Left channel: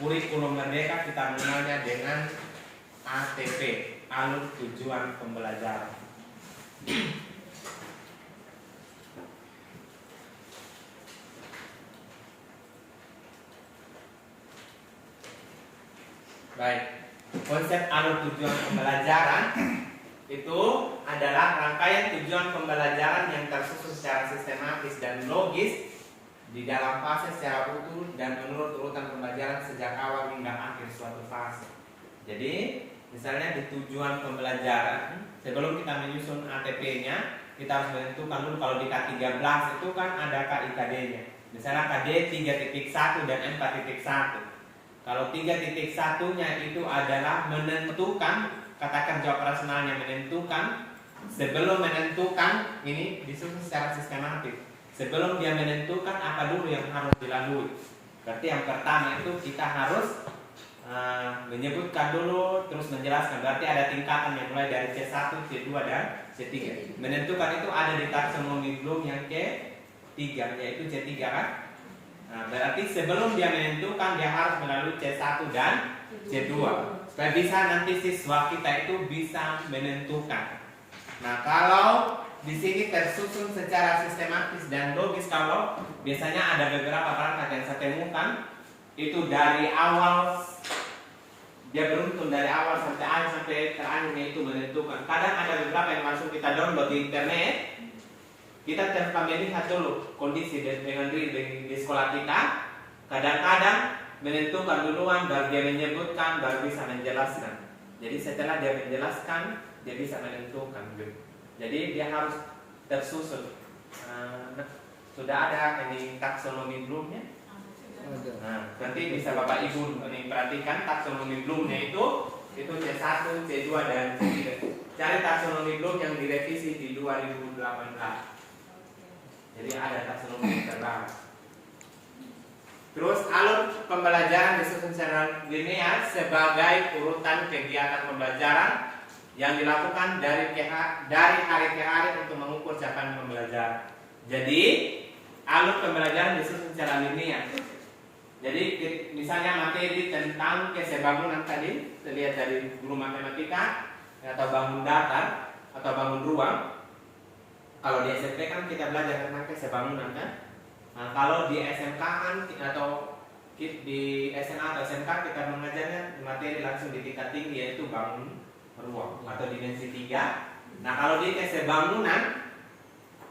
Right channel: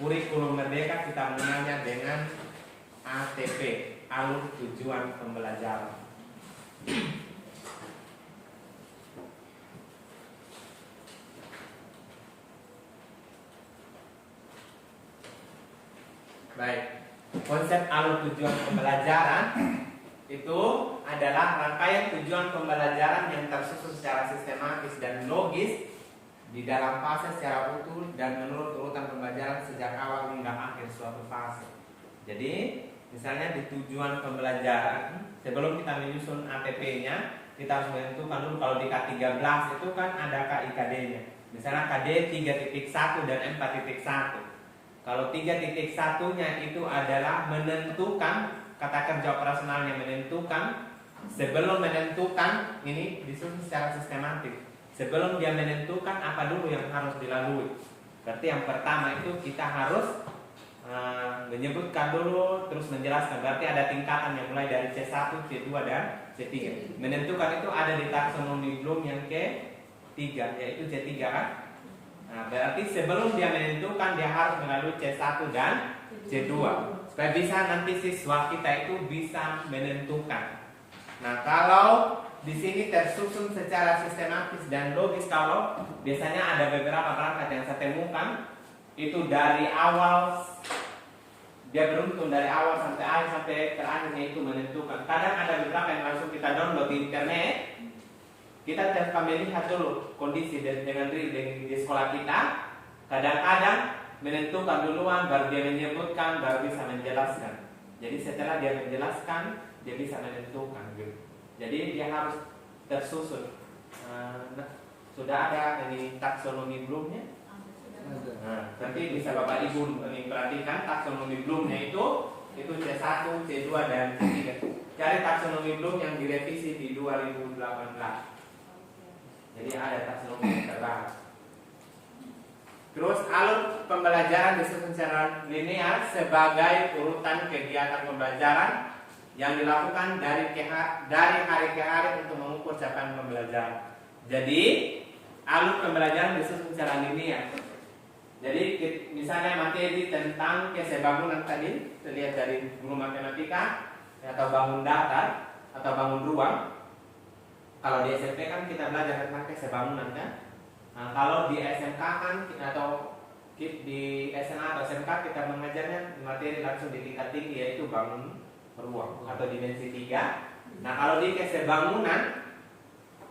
kurikulum merdeka kita mengenalnya dengan ATP, alur tujuan pembelajaran. Baik, konsep alur tujuan pembelajaran itu adalah rangkaian tujuan pembelajaran yang tersusun secara sistematis dan logis di dalam fase secara utuh dan menurut urutan pembelajaran sejak awal hingga akhir suatu fase. Jadi, misalnya di tujuan pembelajaran, sebelum kita menyusun ATP-nya, kita harus menentukan dulu kalau di K13 itu kan ada KIKD-nya. Misalnya KD 3.1 dan 4.1. Kalau 3.1-nya itu adalah menentukan kata kerja operasionalnya, menentukan. Sebelum menentukan, ini disusun secara sistematis. Sebelum dia menentukan apa dulu yang harus dilalui. Berarti yang pertama itu kita harus menyebutkan dulu, terus menjelaskan. Berarti ada tingkatan yang mulai dari C1, C2 dan C3. Menentukan itu ada di taksonomi Bloom yang ke-3, yaitu C3 kan. Nah, berarti sebelum dia menentukan dia harus melalui C1 dan C2 supaya bisa nanti siswa kita itu bisa menentukan. Nah, kalau di sini tersusun secara sistematis dan logis, kalau biasanya ada beberapa perangkat yang saya temukan itu dari awal dia beruntun dari awal sampai akhir sampai terakhirnya itu menentukan. Kadang ada beberapa yang langsung kita download di internet. Kita tanpa melihat dulu kondisi dengan diri di sekolah kita. Kadang-kadang menentukan duluan, baru dia menyebutkan, baru bisa menjelaskan. Jadi setelah dia menjelaskan, dia bisa menentukan. Jadi dia harus tersusun. Sudah ada ini taksonomi Bloom-nya? Nah, nanti bisa Bapak Ibu ini perhatikan taksonomi Bloom-nya itu C1, C2 dan C3. Cari taksonomi Bloom yang direvisi di 2018. Jadi ada taksonomi yang terbaru. Terus alur pembelajaran disusun secara linear sebagai urutan kegiatan pembelajaran yang dilakukan dari hari ke hari untuk mengukur capaian pembelajaran. Jadi alur pembelajaran disusun secara linear. Jadi misalnya materi tentang kesebangunan tadi, terlihat dari guru matematika atau bangun datar atau bangun ruang. Kalau di SMP kan kita belajar tentang kesebangunan kan. Nah, kalau di SMK kan atau di SMA atau SMK kita mengajarnya materi langsung di tingkat tinggi, yaitu bangun ruang atau dimensi 3. Nah, kalau di kesebangunan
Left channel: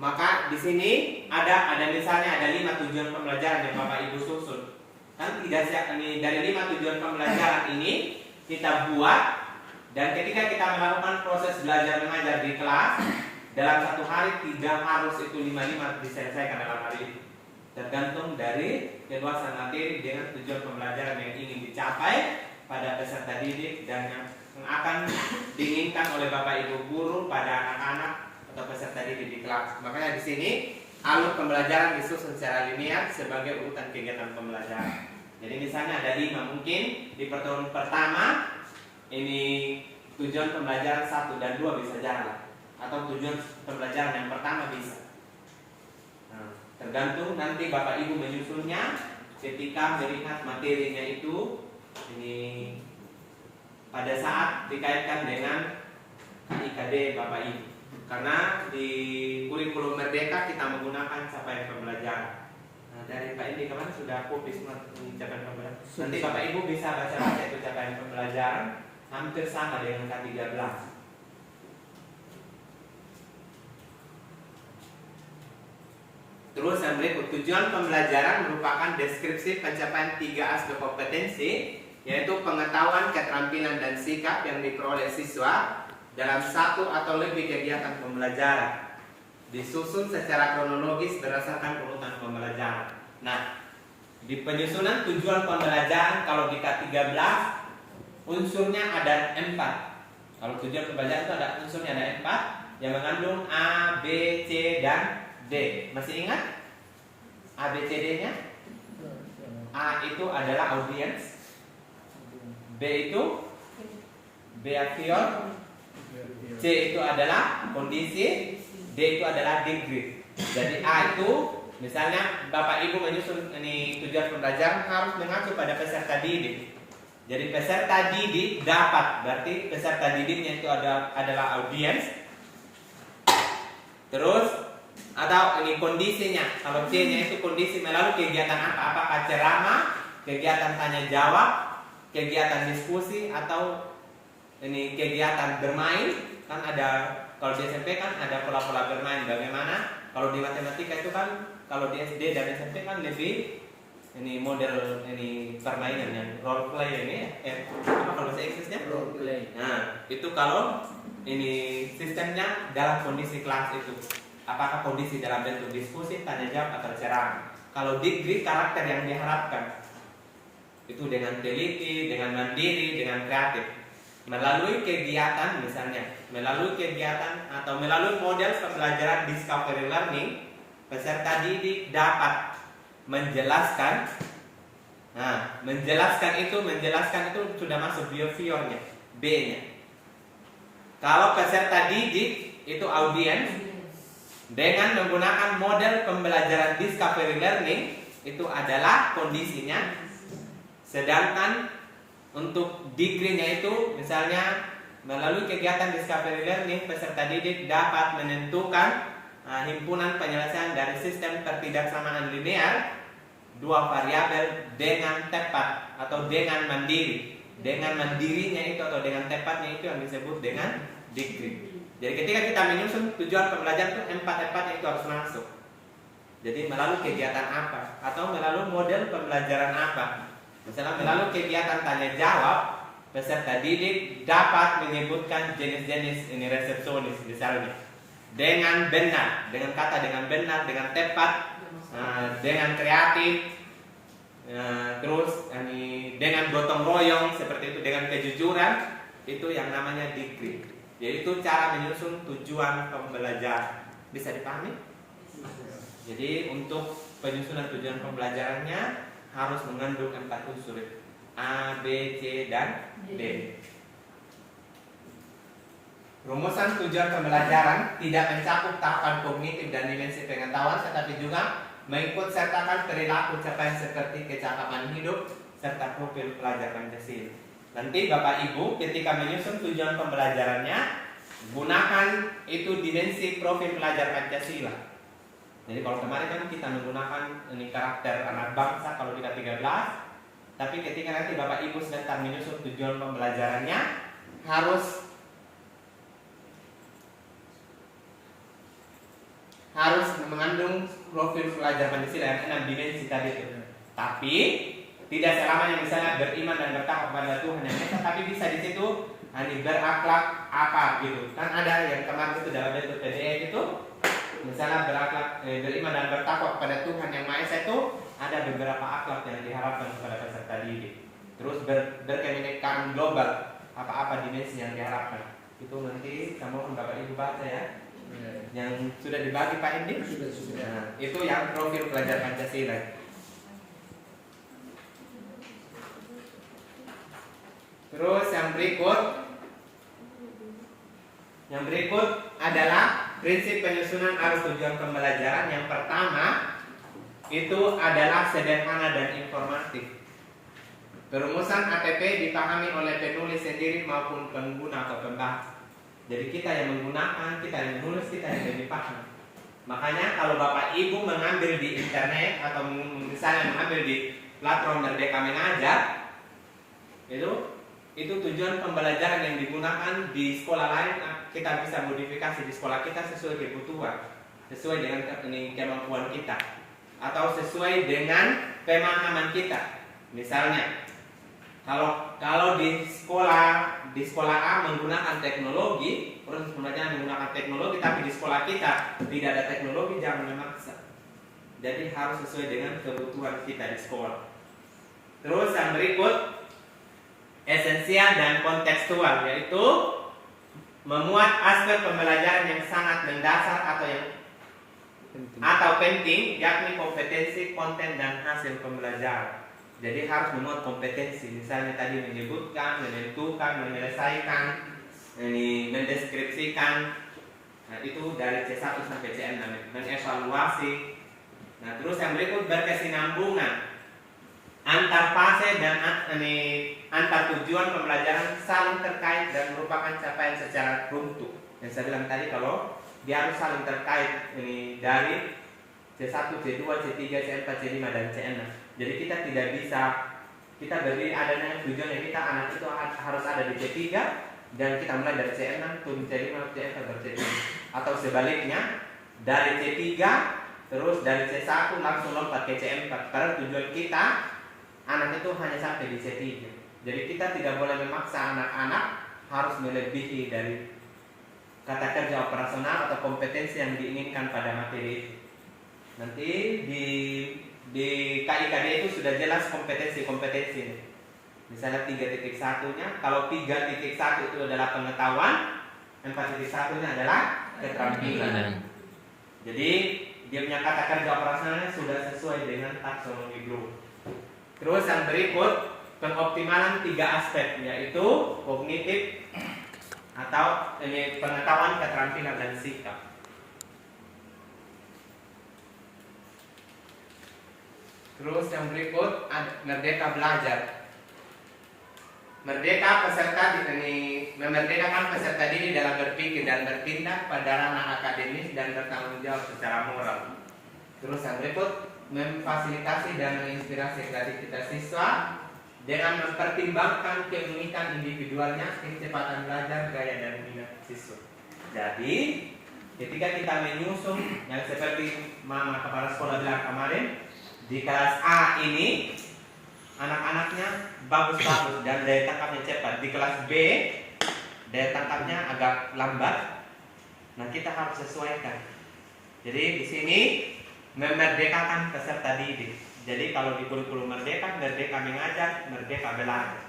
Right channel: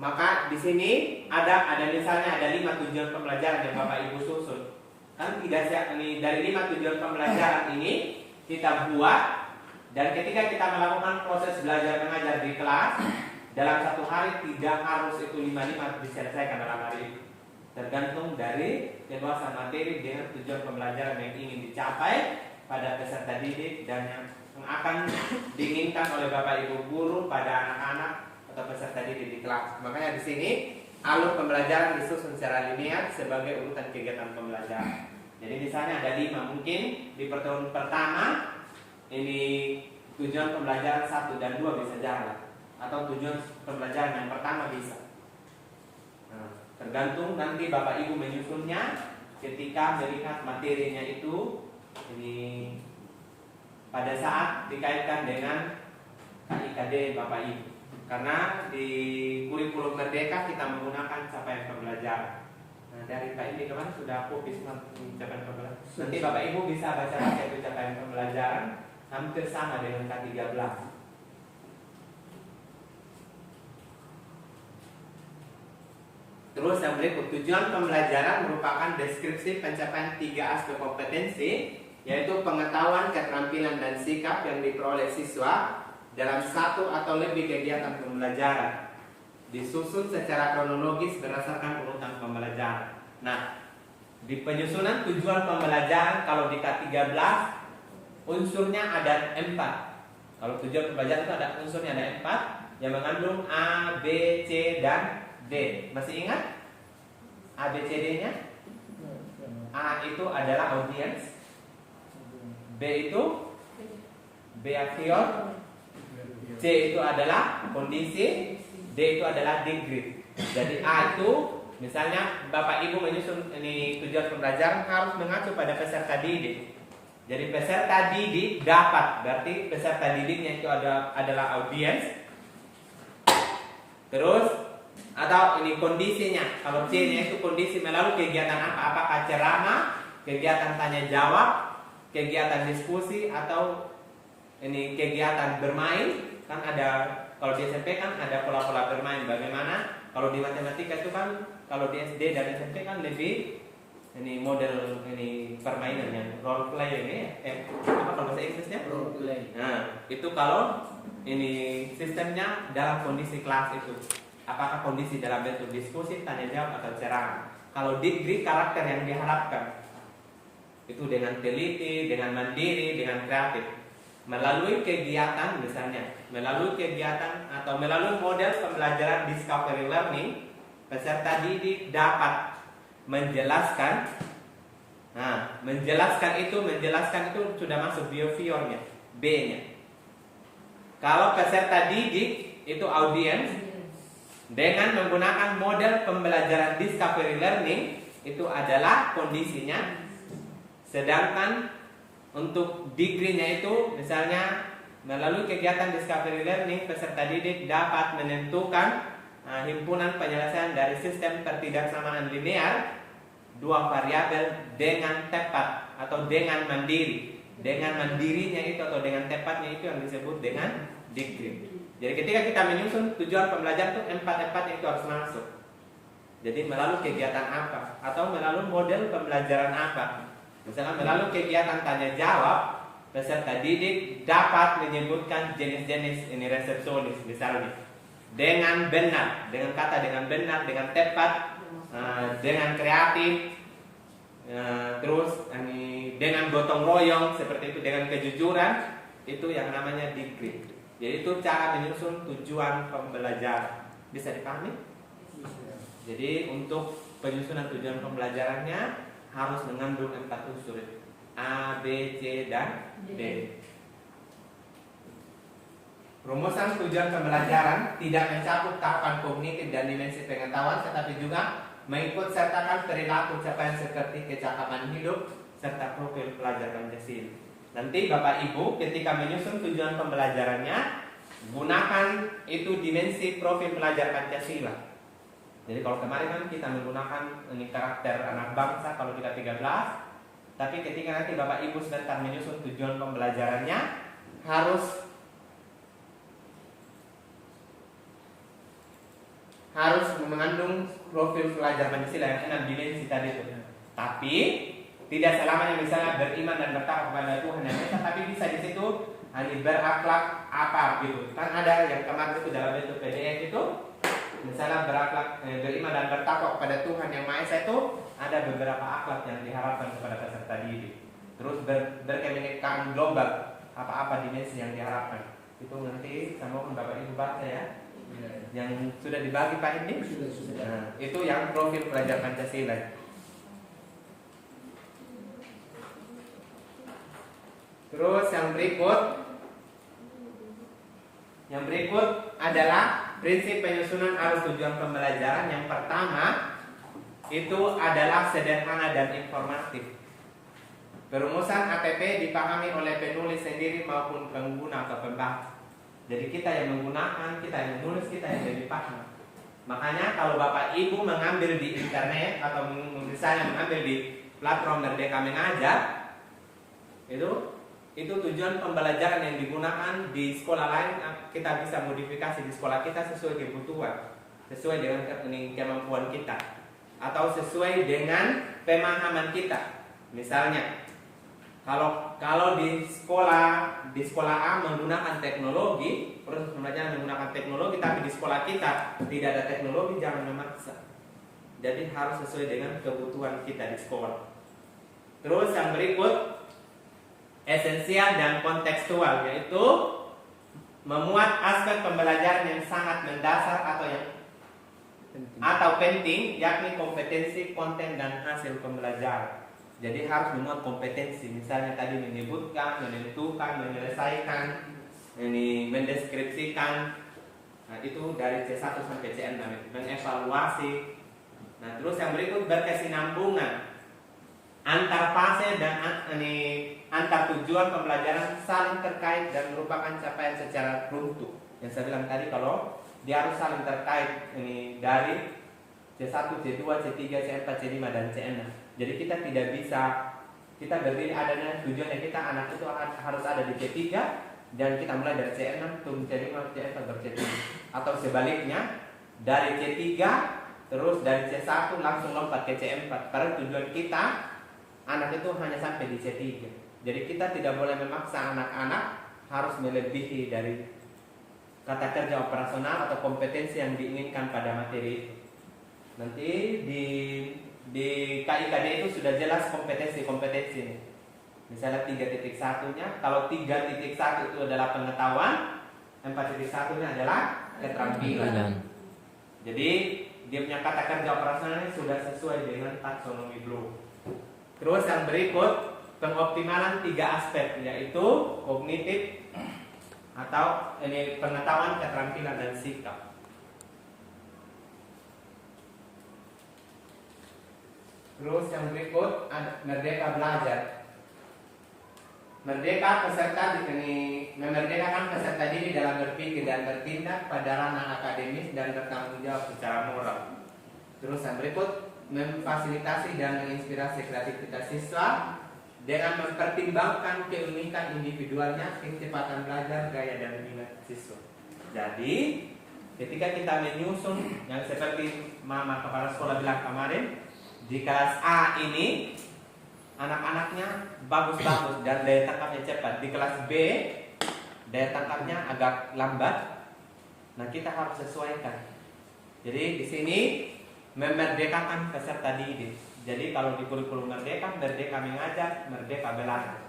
maka di sini ada misalnya ada 5 tujuan pembelajaran yang Bapak Ibu susun. Kan tidak ini dari 5 tujuan pembelajaran ini kita buat, dan ketika kita melakukan proses belajar mengajar di kelas dalam satu hari tidak harus itu 5 diselesaikan dalam hari itu. Tergantung dari keluasan materi dengan tujuan pembelajaran yang ingin dicapai pada peserta didik dan yang akan diinginkan oleh Bapak Ibu guru pada anak-anak atau peserta didik di kelas. Makanya di sini alur pembelajaran disusun secara linear sebagai urutan kegiatan pembelajaran. Jadi misalnya ada 5, mungkin di pertemuan pertama ini tujuan pembelajaran 1 dan 2 bisa jalan, atau tujuan pembelajaran yang pertama bisa. Nah, tergantung nanti Bapak Ibu menyusunnya ketika melihat materinya itu ini pada saat dikaitkan dengan KIKD Bapak Ibu. Karena di kurikulum merdeka kita menggunakan capaian pembelajaran. Nah, dari Pak ini kemarin sudah publis capaian pembelajaran. Nanti Bapak Ibu bisa baca-baca itu capaian pembelajaran, hampir sama dengan K13. Terus yang berikut, tujuan pembelajaran merupakan deskripsi pencapaian 3 aspek kompetensi, yaitu pengetahuan, keterampilan, dan sikap yang diperoleh siswa dalam satu atau lebih kegiatan pembelajaran, disusun secara kronologis berdasarkan urutan pembelajaran. Nah, di penyusunan tujuan pembelajaran kalau di K13 unsurnya ada 4. Kalau tujuan pembelajaran itu ada unsurnya ada 4 yang mengandung A, B, C, dan D. Masih ingat A, B, C, D-nya? A itu adalah audience, B itu behavior, C itu adalah kondisi, D itu adalah degree. Jadi A itu Misalnya Bapak Ibu menyusun ini tujuan pembelajaran harus mengacu pada peserta didik. Jadi peserta didik dapat, berarti peserta didiknya itu adalah audiens. Terus atau ini kondisinya, kalau C-nya itu kondisi melalui kegiatan apa? Apakah ceramah, kegiatan tanya jawab, kegiatan diskusi, atau ini kegiatan bermain. Kan ada, kalau di SMP kan ada pola-pola bermain. Bagaimana? Kalau di matematika itu kan, kalau di SD dan SMP kan lebih ini model ini permainan yang role play ini apa kalau bahasa Inggrisnya? Role play. Nah, itu kalau ini sistemnya dalam kondisi kelas itu. Apakah kondisi dalam bentuk diskusi, tanya jawab, atau ceramah. Kalau degree karakter yang diharapkan itu dengan teliti, dengan mandiri, dengan kreatif. Melalui kegiatan misalnya, melalui kegiatan atau melalui model pembelajaran discovery learning, peserta didik dapat menjelaskan. Nah, menjelaskan itu sudah masuk behaviornya, B-nya. Kalau peserta didik itu audiens, dengan menggunakan model pembelajaran discovery learning itu adalah kondisinya. Sedangkan untuk degree-nya itu misalnya melalui kegiatan discovery learning peserta didik dapat menentukan himpunan penyelesaian dari sistem ketidaksamaan linear dua variabel dengan tepat atau dengan mandiri. Dengan mandirinya itu atau dengan tepatnya itu yang disebut dengan degree. Jadi ketika kita menyusun tujuan pembelajaran itu empat-empatnya itu harus masuk. Jadi melalui kegiatan apa atau melalui model pembelajaran apa. Misalnya melalui kegiatan tanya jawab, peserta didik dapat menyebutkan jenis-jenis ini resepsionis misalnya dengan benar, dengan kata dengan benar, dengan tepat, dengan kreatif, terus dengan gotong royong seperti itu, dengan kejujuran, itu yang namanya degree. Jadi itu cara menyusun tujuan pembelajaran. Bisa dipahami? Jadi untuk penyusunan tujuan pembelajarannya harus mengandung 4 unsur A, B, C, dan D. Rumusan tujuan pembelajaran tidak mencakup tahapan kognitif dan dimensi pengetahuan, tetapi juga mengikut sertakan perilaku capaian seperti kecakapan hidup serta profil pelajar Pancasila. Nanti Bapak Ibu ketika menyusun tujuan pembelajarannya gunakan itu dimensi profil pelajar Pancasila. Jadi kalau kemarin kan kita menggunakan ini karakter anak bangsa kalau kita 13, tapi ketika nanti Bapak Ibu sebentar menyusun tujuan pembelajarannya harus mengandung profil pelajar Pancasila yang 6 dimensi tadi itu. Tapi tidak selamanya misalnya beriman dan bertakwa kepada Tuhan yang Esa, tapi bisa di situ berakhlak apa gitu. Kan ada yang kemarin itu dalam bentuk PDF itu. Misalnya beriman dan bertakwa kepada Tuhan yang Maha Esa itu ada beberapa akhlak yang diharapkan kepada peserta didik. Terus berkebinekaan global, apa-apa dimensi yang diharapkan. Itu nanti sama Bapak Ibu baca ya. Yang sudah dibagi Pak Endi? Sudah. Nah, itu yang profil pelajar Pancasila. Terus yang berikut adalah prinsip penyusunan arus tujuan pembelajaran. Yang pertama itu adalah sederhana dan informatif. Perumusan ATP dipahami oleh penulis sendiri maupun pengguna atau pembahas. Jadi kita yang menggunakan, kita yang menulis, kita yang lebih paham. Makanya kalau Bapak Ibu mengambil di internet atau misalnya mengambil di platform Merdeka Mengajar, itu tujuan pembelajaran yang digunakan di sekolah lain kita bisa modifikasi di sekolah kita sesuai kebutuhan, sesuai dengan kemampuan kita, atau sesuai dengan pemahaman kita. Misalnya, kalau di sekolah A menggunakan teknologi, proses pembelajaran menggunakan teknologi, tapi di sekolah kita tidak ada teknologi, jangan memaksa. Jadi harus sesuai dengan kebutuhan kita di sekolah. Terus yang berikut esensial dan kontekstual, yaitu memuat aspek pembelajaran yang sangat mendasar atau penting, yakni kompetensi, konten, dan hasil pembelajaran. Jadi harus memuat kompetensi, misalnya tadi menyebutkan, menentukan, menyelesaikan, mendeskripsikan. Nah, itu dari C1 sampai C6, mengevaluasi, Nah, terus yang berikut berkesinambungan antar fase dan antar tujuan pembelajaran saling terkait dan merupakan capaian secara runtuh. Yang saya bilang tadi kalau dia harus saling terkait dari C1, C2, C3, C4, C5 dan C6. Jadi kita tidak bisa kita berdiri adanya tujuannya kita anak itu harus ada di C3 dan kita mulai dari C6 turun C5, C4 baru C7 atau sebaliknya dari C3 terus dari C1 langsung lompat ke C4. Padahal tujuan kita anak itu hanya sampai di C3. Jadi kita tidak boleh memaksa anak-anak harus melebihi dari kata kerja operasional atau kompetensi yang diinginkan pada materi itu. Nanti di KIKD itu sudah jelas kompetensi-kompetensi ini. Misalnya 3.1-nya, kalau 3.1 itu adalah pengetahuan, 4.1-nya adalah keterampilan. Jadi dia punya kata kerja operasionalnya sudah sesuai dengan taksonomi Bloom. Terus yang berikut pengoptimalan 3 aspek, yaitu kognitif atau pengetahuan, keterampilan dan sikap. Terus yang berikut ada merdeka belajar. Merdeka peserta memerdekakan peserta diri dalam berpikir dan bertindak pada ranah akademis dan bertanggung jawab secara moral. Terus yang berikut memfasilitasi dan menginspirasi kreativitas siswa dengan mempertimbangkan keunikan individualnya, kecepatan belajar, gaya dan minat siswa. Jadi ketika kita menyusun yang seperti Mama kepala sekolah bilang kemarin, di kelas A ini anak-anaknya bagus-bagus dan daya tangkapnya cepat. Di kelas B daya tangkapnya agak lambat. Nah, kita harus sesuaikan. Jadi di sini memerdekakan peserta didik. Jadi kalau di kurikulum merdeka mengajar, merdeka belajar.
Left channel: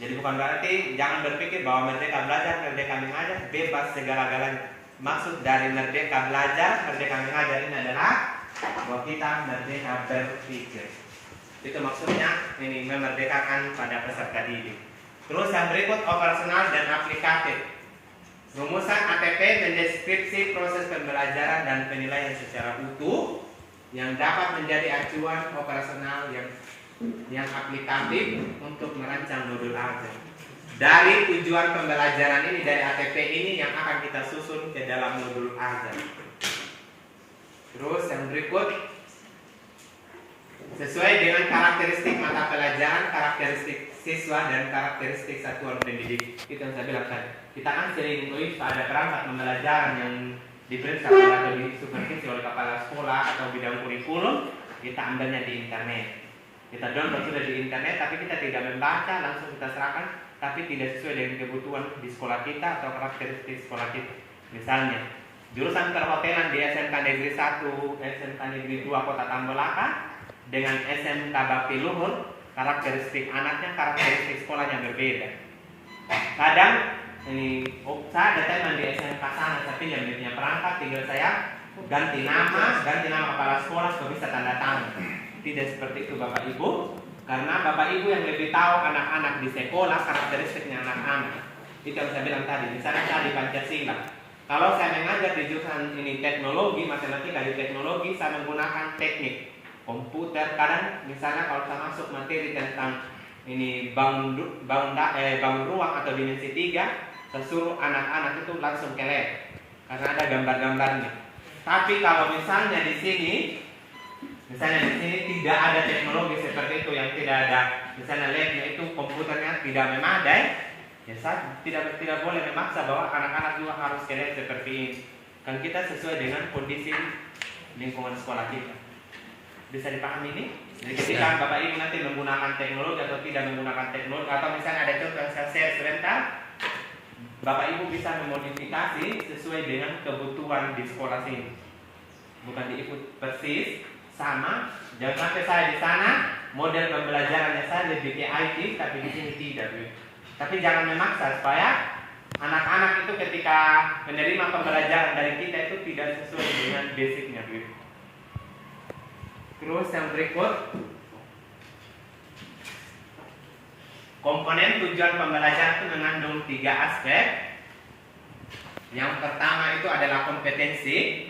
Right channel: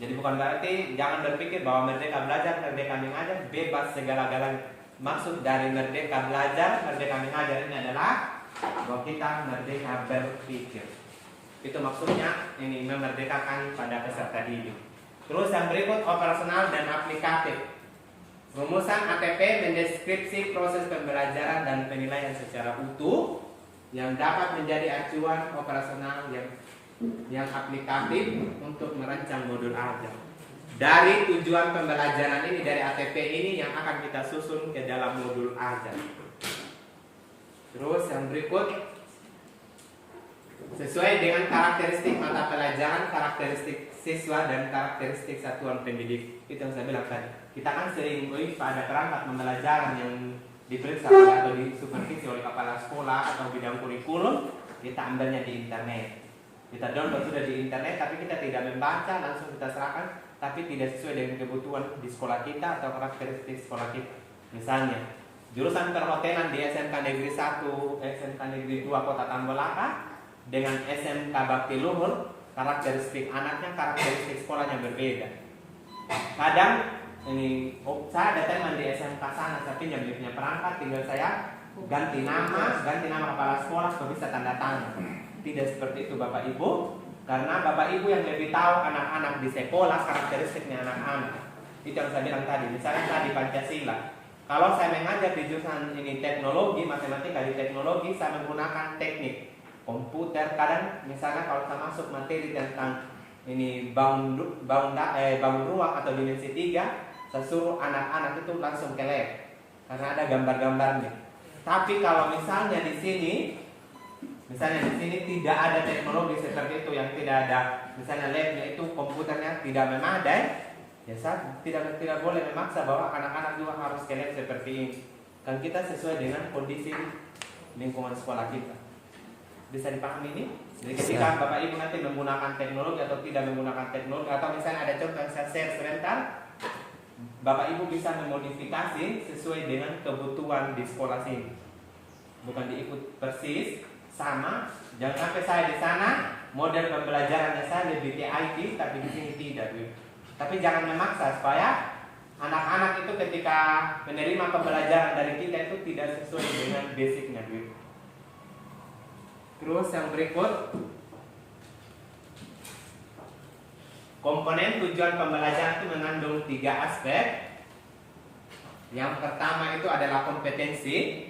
Jadi bukan berarti jangan berpikir bahwa merdeka belajar, merdeka mengajar bebas segala-galanya. Maksud dari merdeka belajar, merdeka mengajar ini adalah bahwa kita merdeka berpikir. Itu maksudnya memerdekakan pada peserta didik. Terus yang berikut operasional dan aplikatif. Rumusan ATP mendeskripsi proses pembelajaran dan penilaian secara utuh yang dapat menjadi acuan operasional yang aplikatif untuk merancang modul ajar. Dari tujuan pembelajaran ini, dari ATP ini yang akan kita susun ke dalam modul ajar. Terus yang berikut sesuai dengan karakteristik mata pelajaran, karakteristik siswa dan karakteristik satuan pendidik. Itu yang saya bilang tadi. Kita kan sering ada perangkat pembelajaran yang diperiksa atau disupervisi oleh kepala sekolah atau bidang kurikulum, kita ambilnya di internet. Kita download sudah di internet, tapi kita tidak membaca, langsung kita serahkan, tapi tidak sesuai dengan kebutuhan di sekolah kita atau karakteristik sekolah kita. Misalnya jurusan perhotelan di SMK Negeri 1, SMK Negeri 2 Kota Tambolaka dengan SMK Bakti Luhur, karakteristik anaknya, karakteristik sekolahnya berbeda. Kadang saya ada teman di SMK sana, tapi yang punya perangkat, tinggal saya ganti nama kepala sekolah supaya bisa tanda tangan. Tidak seperti itu Bapak Ibu, karena Bapak Ibu yang lebih tahu anak-anak di sekolah, karakteristiknya anak-anak. Itu yang saya bilang tadi. Misalnya tadi Pancasila. Kalau saya mengajar di jurusan teknologi, matematika di teknologi, saya menggunakan teknik komputer. Kadang misalnya kalau saya masuk materi tentang bangun ruang atau dimensi 3, saya suruh anak-anak itu langsung ke lab karena ada gambar-gambarnya. Tapi kalau misalnya di sini tidak ada teknologi seperti itu, yang tidak ada misalnya labnya itu komputernya tidak memadai, ya saya tidak boleh memaksa bahwa anak-anak juga harus ke lab seperti ini. Kan kita sesuai dengan kondisi lingkungan sekolah kita. Bisa dipahami ini? Jadi ketika Bapak Ibu nanti menggunakan teknologi atau tidak menggunakan teknologi, atau misalnya ada contoh yang saya share sebentar, Bapak Ibu bisa memodifikasi sesuai dengan kebutuhan di sekolah sini. Bukan diikut persis sama. Jangan sampai saya di sana model pembelajarannya saya lebih ke IT, tapi di sini tidak. Tapi jangan memaksa supaya anak-anak itu ketika menerima pembelajaran dari kita itu tidak sesuai dengan basicnya. Terus yang berikut, komponen tujuan pembelajaran itu mengandung 3 aspek. Yang pertama itu adalah kompetensi.